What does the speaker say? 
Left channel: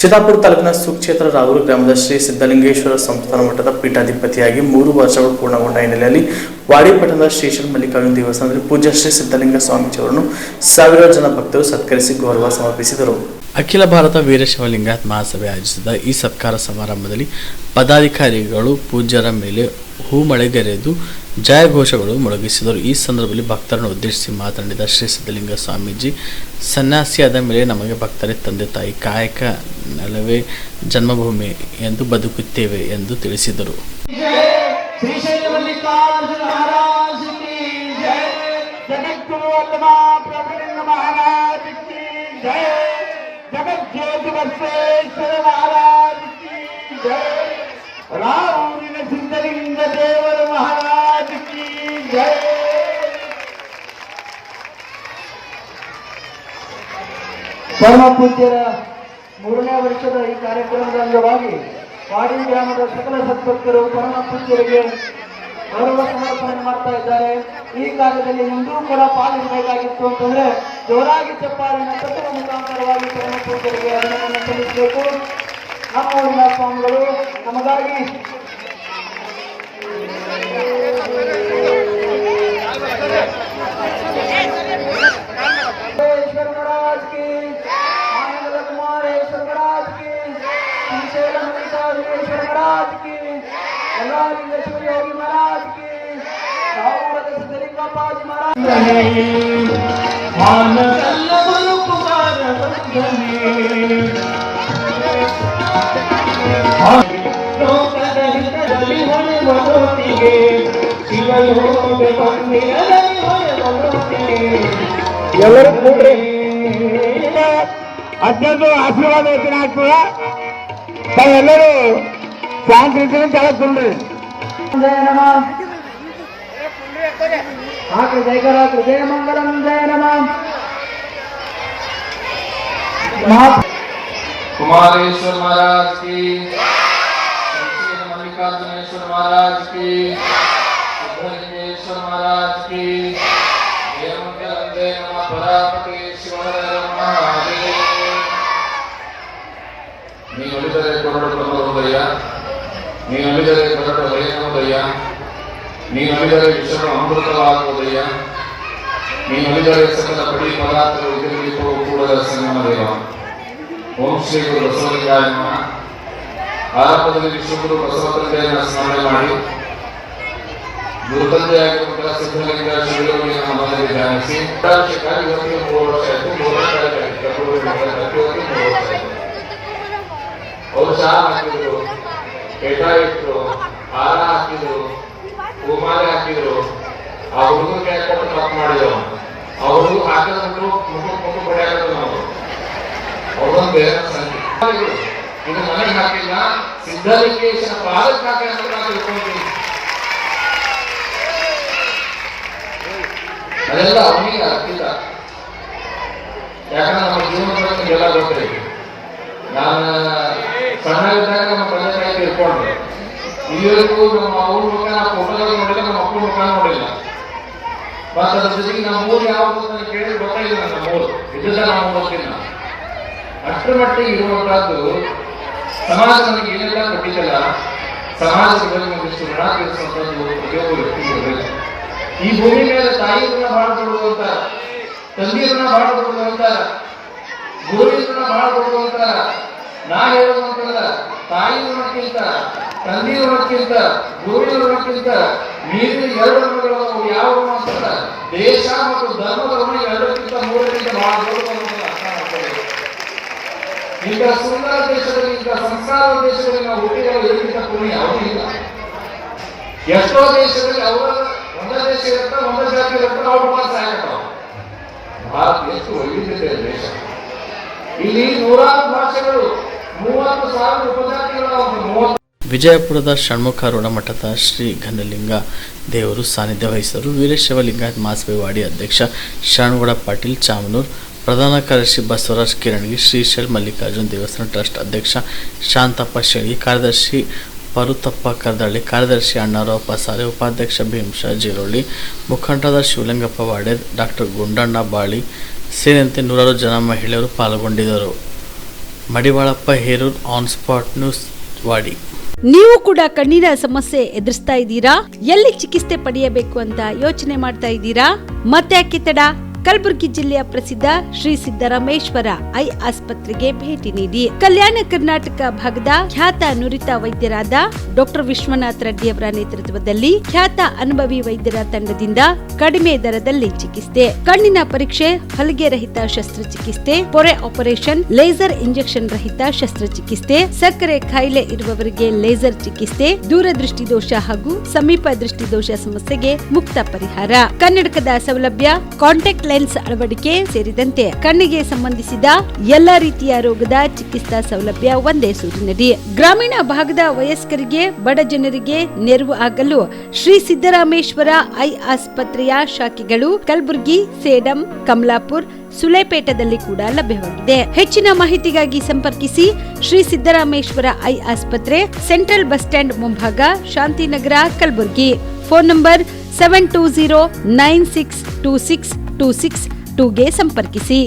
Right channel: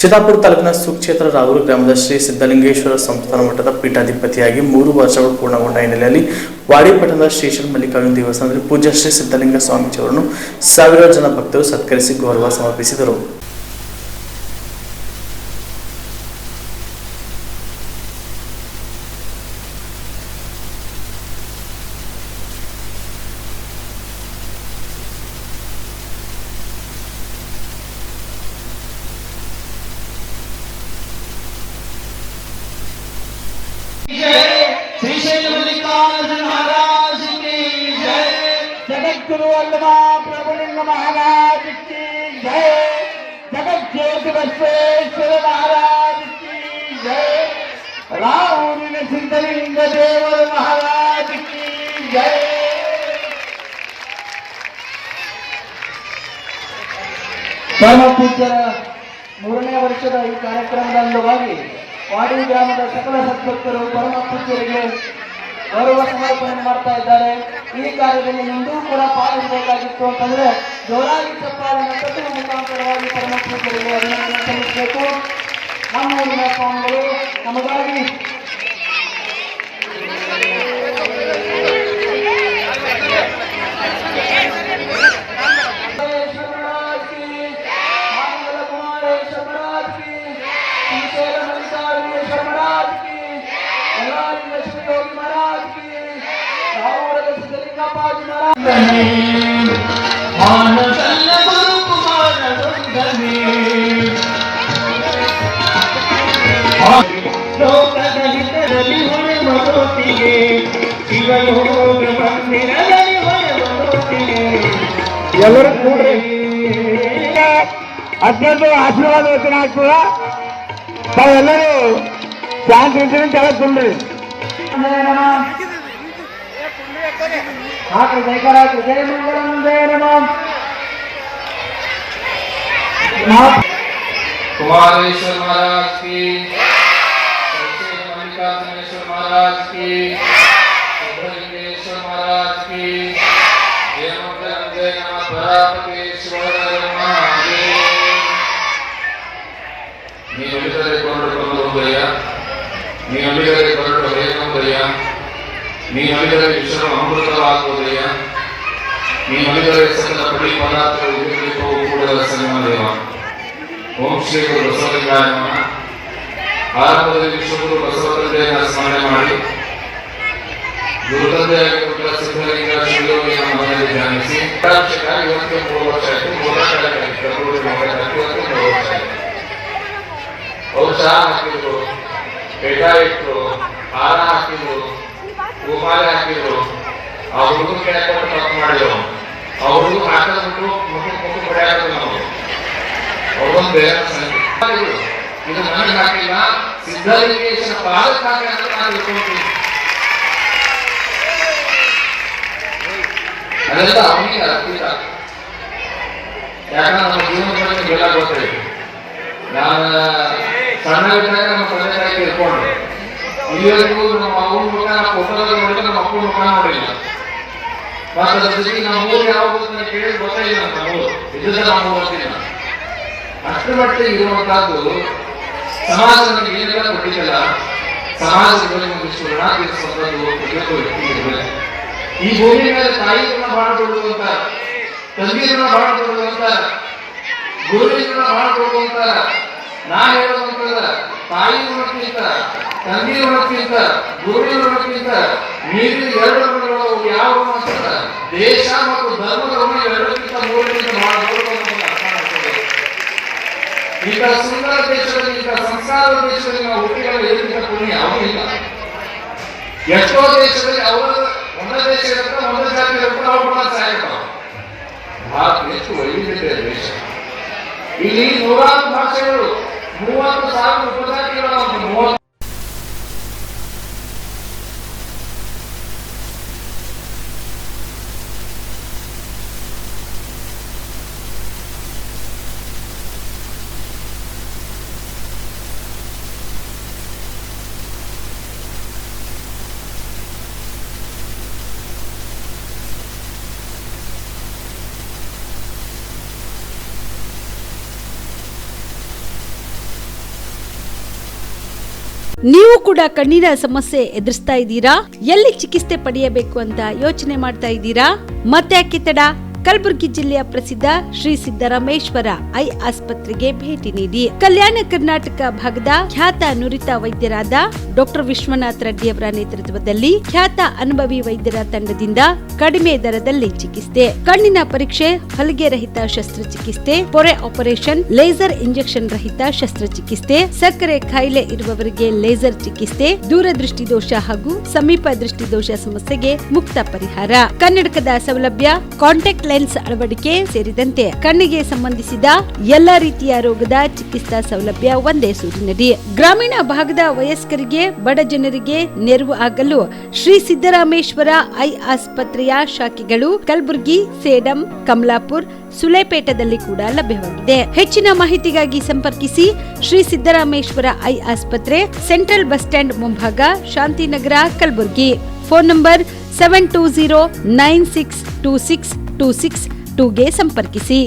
ಚಿತ್ತಾಪುರ ತಾಲೂಕಿನ ಸುಕ್ಷೇತ್ರ ರಾವೂರು ಗ್ರಾಮದ ಶ್ರೀ ಸಿದ್ಧಲಿಂಗೇಶ್ವರ ಸಂಸ್ಥಾನ ಮಠದ ಪೀಠಾಧಿಪತಿಯಾಗಿ 3 ವರ್ಷಗಳು ಪೂರ್ಣಗೊಂಡ ಹಿನ್ನೆಲೆಯಲ್ಲಿ ವಾಡಿ ಪಟ್ಟಣದ ಶ್ರೀ ಮಲ್ಲಿಕಾರ್ಜುನ ದೇವಸ್ಥಾನದಲ್ಲಿ ಪೂಜ್ಯ ಶ್ರೀ ಸಿದ್ಧಲಿಂಗ ಸ್ವಾಮೀಜಿಯವರನ್ನು ಸಾವಿರಾರು ಜನ ಭಕ್ತರು ಸತ್ಕರಿಸಿ ಗೌರವ ಸಮರ್ಪಿಸಿದರು. ಅಖಿಲ ಭಾರತ ವೀರಶೈವ ಲಿಂಗಾಯತ ಮಹಾಸಭೆ ಆಯೋಜಿಸಿದ ಈ ಸತ್ಕಾರ ಸಮಾರಂಭದಲ್ಲಿ ಪದಾಧಿಕಾರಿಗಳು ಪೂಜ್ಯರ ಮೇಲೆ ಹೂಮಳೆಗರೆದು ಜಯಘೋಷಗಳು ಮೊಳಗಿಸಿದರು. ಈ ಸಂದರ್ಭದಲ್ಲಿ ಭಕ್ತರನ್ನು ಉದ್ದೇಶಿಸಿ ಮಾತನಾಡಿದ ಶ್ರೀ ಸಿದ್ಧಲಿಂಗ ಸ್ವಾಮೀಜಿ, ಸನ್ಯಾಸಿಯಾದ ಮೇಲೆ ನಮಗೆ ಭಕ್ತರೇ ತಂದೆ ತಾಯಿ, ಕಾಯಕ ನೆಲವೇ ಜನ್ಮಭೂಮಿ ಎಂದು ಬದುಕುತ್ತೇವೆ ಎಂದು ತಿಳಿಸಿದರು. ಸಿದ್ಧಲಿಂಗ ದೇವರ ಮಹಾರಾಜ ಕಿ ಜೈ. ಪರಮ ಪೂಜ್ಯರ 3ನೇ ವರ್ಷದ ಈ ಕಾರ್ಯಕ್ರಮದ ಅಂಗವಾಗಿ ವಾಡಿ ಗ್ರಾಮದ ಸಕಲ ಸದ್ಭಕ್ತರು ಪರಮ ಪೂಜ್ಯರಿಗೆ ಗೌರವ ಸಮರ್ಪಣೆ ಮಾಡ್ತಾ ಇದ್ದಾರೆ. ಈ ಕಾರ್ಯದಲ್ಲಿ ಎಂದೂ ಕೂಡ ಪಾಲ್ಗೊಳ್ಳಬೇಕಾಗಿತ್ತು ಅಂತಂದ್ರೆ ಜೋರಾಗಿ ಚಪ್ಪಾಳಿನ ಪ್ರತಿಭೆ ಮುಖಾಂತರವಾಗಿ ಪರಮ ಪೂಜ್ಯರಿಗೆ ಅಭಿನಂದನೆ ಸಲ್ಲಿಸಬೇಕು. ನಮ್ಮ ಸ್ವಾಮಿಗಳು ನಮಗಾಗಿ ಎಲ್ಲರೂ ಕೂಡ್ರಿ, ಅತ್ಯಂತ ಆಶೀರ್ವಾದ ವಚನ ಆಗ್ತದ. ತಾವೆಲ್ಲರೂ ಶಾಂತಿ ಕೆಳಗೆ ತುಂಬ್ರಿ. ಹಾಕ್ರಿ ಜಯಕರ, ಜಯ ಮಂಗಳಂ, ಜಯ ನಮಃ. कुमारेश्वर महाराज की, मल्लिकार्जुनेश्वर महाराज की, सिद्धलिंगेश्वर महाराज की, जय मंगलम, जय नमः. परापतेश्वर महादेव. नी अलिगरे कोरडु बंदुदಯ್ಯ, नी अलिगरे कोरडु ಹರಿಯುವುದಯ್ಯ, नी अलिगरे ವಿಶ್ವ ಅಮೃತವಾಗುವುದಯ್ಯ, नी अलिगरे ಸಕಲ ಪಡಿ ಪದಾರ್ಥಗಳು ಉಪಯೋಗಿಸುವ ಕೂಡಲ ಸಂಗಮದೇವ. ಓಂ ಶ್ರೀ ಗುರು ಬಸವಲಿಂಗಾಯ ನಮಃ. ಆರಂಭದಲ್ಲಿ ವಿಶ್ವಗುರು ಬಸವತಂದೆಯನ್ನು ಸ್ಮರಣೆ ಮಾಡಿ ಗುರುತಂದೆಯಾಗಿರುವ ಸಿದ್ಧಲಿಂಗ ಶಿವಯೋಗಿಯನ್ನು ಮನದಲ್ಲಿ ಧ್ಯಾನಿಸಿ ಇವತ್ತಿಗೆ 3 ವರ್ಷ ಆಯಿತು. 3 ವರ್ಷ ಆಯಿತು. ಔಷಧ ಹಾಕಿದ್ರು, ಪೇಟ ಇಟ್ಟರು, ಹಾರ ಹಾಕಿದ್ರು, ಹೂಮಾಲೆ ಹಾಕಿದ್ರು. ಆ ಹುಡುಗರಿಗೆ ಕೊಟ್ಟು ತಪ್ಪು ಮಾಡಿದ್ರು. ಆ ಹುಡುಗ ಹಾಕಿದ್ರು ಮುಖ ಪಡೆಯಾಕ ನಾವು ಅವರೊಂದು ಬೇರೆ ಸಂಖ್ಯೆ. ಇದು ನನಗೆ ಹಾಕಿಲ್ಲ, ಸಿದ್ಧಲಿಂಗೇಶ್ವರ ಪಾದಕ್ಕೆ ಹಾಕಿ ಅಂತ ನಾನು ತಿಳ್ಕೊಂತೀನಿ. ಅದೆಲ್ಲ ಅವನಿಗೆ ಅರ್ಪಿತ. ಯಾಕಂದ್ರೆ ನಮ್ಮ ಜೀವನದ ಬಗ್ಗೆ ಎಲ್ಲ ಗೊತ್ತೈತಿ. ನಾನು ಸಣ್ಣವಿದ್ದಾಗ ನಮ್ಮ ತಂದೆ ತಾಯಿ ತಿಳ್ಕೊಂಡ್ರು. ಇಲ್ಲಿವರೆಗೂ ನಮ್ಮ ಅವ್ರ ಮುಖ ಫೋಟೋದಾಗ ನೋಡಿಲ್ಲ, ನಮ್ಮ ಅಪ್ಪನ ಮುಖ ನೋಡಿಲ್ಲ. ಮತ್ತು ಅದ್ರ ಜೊತೆಗೆ ನಮ್ಮ ಊರು ಯಾವುದು ಅಂತ ಕೇಳಿ ಗೊತ್ತಾಗಿಲ್ಲ. ನಮ್ಮ ಊರು ಇದ್ದ ನಾವು ಗೊತ್ತಿಲ್ಲ. ಅಷ್ಟರ ಮಟ್ಟಿಗೆ ಇರುವಂತಹದ್ದು ಸಮಾಜ ನಮಗೆ ಏನೆಲ್ಲ ಕೊಟ್ಟಿದ್ದಲ್ಲ, ಸಮಾಜದ ಬಗ್ಗೆ ಒಂದಿಷ್ಟು ಋಣ ತೀರಿಸುವಂಥದ್ದು ಪ್ರತಿಯೊಬ್ಬ ವ್ಯಕ್ತಿಗೆ ಇರಬೇಕು. ಈ ಭೂಮಿ ಮೇಲೆ ತಾಯಿಯನ್ನ ಬಹಳ ದೊಡ್ಡದು ಅಂತ, ತಂದೆಯನ್ನ ಬಹಳ ದೊಡ್ಡದು ಅಂತ, ಗುರುವಿನ ಬಹಳ ದೊಡ್ಡದು ಅಂತ ನಾ ಹೇಳುವಂತಲ್ಲ. ತಾಯಿ ಋಣಕ್ಕಿಂತ, ತಂದೆಯ ಋಣಕ್ಕಿಂತ, ಗುರುವಿನ ಋಣಕ್ಕಿಂತ ಮೀರಿದ 2 ಋಣಗಳು ಯಾವ ಋಣ ಅಂತ ದೇಶ ಮತ್ತು ಧರ್ಮದ ಋಣ 2ಕ್ಕಿಂತ 3ಕ್ಕಿಂತ ಬಹಳ ದೊಡ್ಡದು ಅಂತ ಅರ್ಥ ಮಾಡ್ಕೋಬೇಕು. ಇಂಥ ಸುಂದರ ದೇಶದಲ್ಲಿ, ಇಂಥ ಸಂಸ್ಕಾರದ ದೇಶದಲ್ಲಿ ನಾವು ಹುಟ್ಟಿಗಳ ಎಲ್ಲಿಂದ ಪುಣ್ಯ ಯಾವುದೂ ಇಲ್ಲ. ಎಷ್ಟೋ ದೇಶದಲ್ಲಿ ಅವರ ಒಂದೇ ದೇಶ ಇರುತ್ತೆ, ಒಂದೇ ಜಾತಿ ಇರುತ್ತೆ, ಅವ್ರ ಪ್ರವಾಸ ಆಗ್ತಾವ. ಭಾರತ ಎಷ್ಟು ವೈವಿಧ್ಯತೆ ದೇಶ. ಇಲ್ಲಿ 100 ಭಾಷೆಗಳು, 30,000 ಉಪಜಾತಿಗಳು. ವಿಜಯಪುರದ ಷಣ್ಮುಖಾರೂಢ ಮಠದ ಶ್ರೀ ಘನಲಿಂಗ ದೇವರು ಸಾನ್ನಿಧ್ಯ ವಹಿಸಿದರು. ವೀರಶೈವ ಲಿಂಗಾಯತ ಮಹಾಸಭೆ ವಾಡಿ ಅಧ್ಯಕ್ಷ ಶರಣಗೌಡ ಪಾಟೀಲ್ ಚಾಮನೂರ್, ಪ್ರಧಾನ ಕಾರ್ಯದರ್ಶಿ ಬಸವರಾಜ್ ಕಿರಣಗಿ, ಶ್ರೀ ಮಲ್ಲಿಕಾರ್ಜುನ ದೇವಸ್ಥಾನ ಟ್ರಸ್ಟ್ ಅಧ್ಯಕ್ಷ ಶಾಂತಪ್ಪ ಶೆಣಗಿ, ಕಾರ್ಯದರ್ಶಿ ಪರುತಪ್ಪ ಕರ್ದಳ್ಳಿ, ಕಾರ್ಯದರ್ಶಿ ಅಣ್ಣಾರಾವ್ ಪಸಾರೆ, ಉಪಾಧ್ಯಕ್ಷ ಭೀಮಶಾ ಜೀರೋಳಿ, ಮುಖಂಡರಾದ ಶಿವಲಿಂಗಪ್ಪ ವಾಡೆ, ಡಾಕ್ಟರ್ ಗುಂಡಣ್ಣ ಬಾಳಿ ಸೇರಿದಂತೆ 100 ಜನ ಮಹಿಳೆಯರು ಪಾಲ್ಗೊಂಡಿದ್ದರು. Madivalappa Herur on spot news Wadi. ನೀವು ಕೂಡ ಕಣ್ಣಿನ ಸಮಸ್ಯೆ ಎದುರಿಸ್ತಾ ಇದ್ದೀರಾ? ಎಲ್ಲಿ ಚಿಕಿತ್ಸೆ ಪಡೆಯಬೇಕು ಅಂತ ಯೋಚನೆ ಮಾಡ್ತಾ ಇದ್ದೀರಾ? ಮತ್ತೆ ಯಾಕೆ ತಡ? ಕಲಬುರಗಿ ಜಿಲ್ಲೆಯ ಪ್ರಸಿದ್ಧ ಶ್ರೀ ಸಿದ್ದರಾಮೇಶ್ವರ ಐ ಆಸ್ಪತ್ರೆಗೆ ಭೇಟಿ ನೀಡಿ ಕಲ್ಯಾಣ ಕರ್ನಾಟಕ ಭಾಗದ ಖ್ಯಾತ ನುರಿತ ವೈದ್ಯರಾದ ಡಾಕ್ಟರ್ ವಿಶ್ವನಾಥ್ ರೆಡ್ಡಿ ಅವರ ನೇತೃತ್ವದಲ್ಲಿ ಖ್ಯಾತ ಅನುಭವಿ ವೈದ್ಯರ ತಂಡದಿಂದ ಕಡಿಮೆ ದರದಲ್ಲಿ ಚಿಕಿತ್ಸೆ, ಕಣ್ಣಿನ ಪರೀಕ್ಷೆ, ಹೊಲಿಗೆ ರಹಿತ ಶಸ್ತ್ರಚಿಕಿತ್ಸೆ, ಪೊರೆ ಆಪರೇಷನ್, ಲೇಸರ್ ಇಂಜೆಕ್ಷನ್ ರಹಿತ ಶಸ್ತ್ರಚಿಕಿತ್ಸೆ, ಸಕ್ಕರೆ ಕಾಯಿಲೆ ಇರುವವರಿಗೆ ಲೇಸರ್ ಚಿಕಿತ್ಸೆ, ದೂರದೃಷ್ಟಿ ದೋಷ ಹಾಗೂ ಸಮೀಪ ದೃಷ್ಟಿ ದೋಷ ಸಮಸ್ಯೆಗೆ ಮುಕ್ತ ಪರಿಹಾರ, ಕನ್ನಡಕದ ಸೌಲಭ್ಯ, ಕಾಂಟ್ಯಾಕ್ಟ್ ಲೆನ್ಸ್ ಅಳವಡಿಕೆ ಸೇರಿದಂತೆ ಕಣ್ಣಿಗೆ ಸಂಬಂಧಿಸಿದ ಎಲ್ಲಾ ರೀತಿಯ ರೋಗದ ಚಿಕಿತ್ಸಾ ಸೌಲಭ್ಯ ಒಂದೇ ಸೂರಿನಡಿ. ಗ್ರಾಮೀಣ ಭಾಗದ ವಯಸ್ಕರಿಗೆ, ಬಡ ಜನರಿಗೆ ನೆರವು ಆಗಲು ಶ್ರೀ ಸಿದ್ದರಾಮೇಶ್ವರ ಐ ಆಸ್ಪತ್ರೆಯ ಶಾಖೆಗಳು ಕಲಬುರಗಿ, ಸೇಡಂ, ಕಮಲಾಪುರ್, ಸುಲೇಪೇಟದಲ್ಲಿ ಕೂಡ ಲಭ್ಯವಾಗಿದೆ. ಹೆಚ್ಚಿನ ಮಾಹಿತಿಗಾಗಿ ಸಂಪರ್ಕಿಸಿ ಶ್ರೀ ಸಿದ್ದರಾಮೇಶ್ವರ ಐ ಆಸ್ಪತ್ರೆ, ಸೆಂಟ್ರಲ್ ಬಸ್ ಸ್ಟ್ಯಾಂಡ್ ಮುಂಭಾಗ, ಶಾಂತಿನಗರ, ಕಲಬುರಗಿ. ಫೋನ್ ನಂಬರ್ 7209626262ಗೆ ಸಂಪರ್ಕಿಸಿ.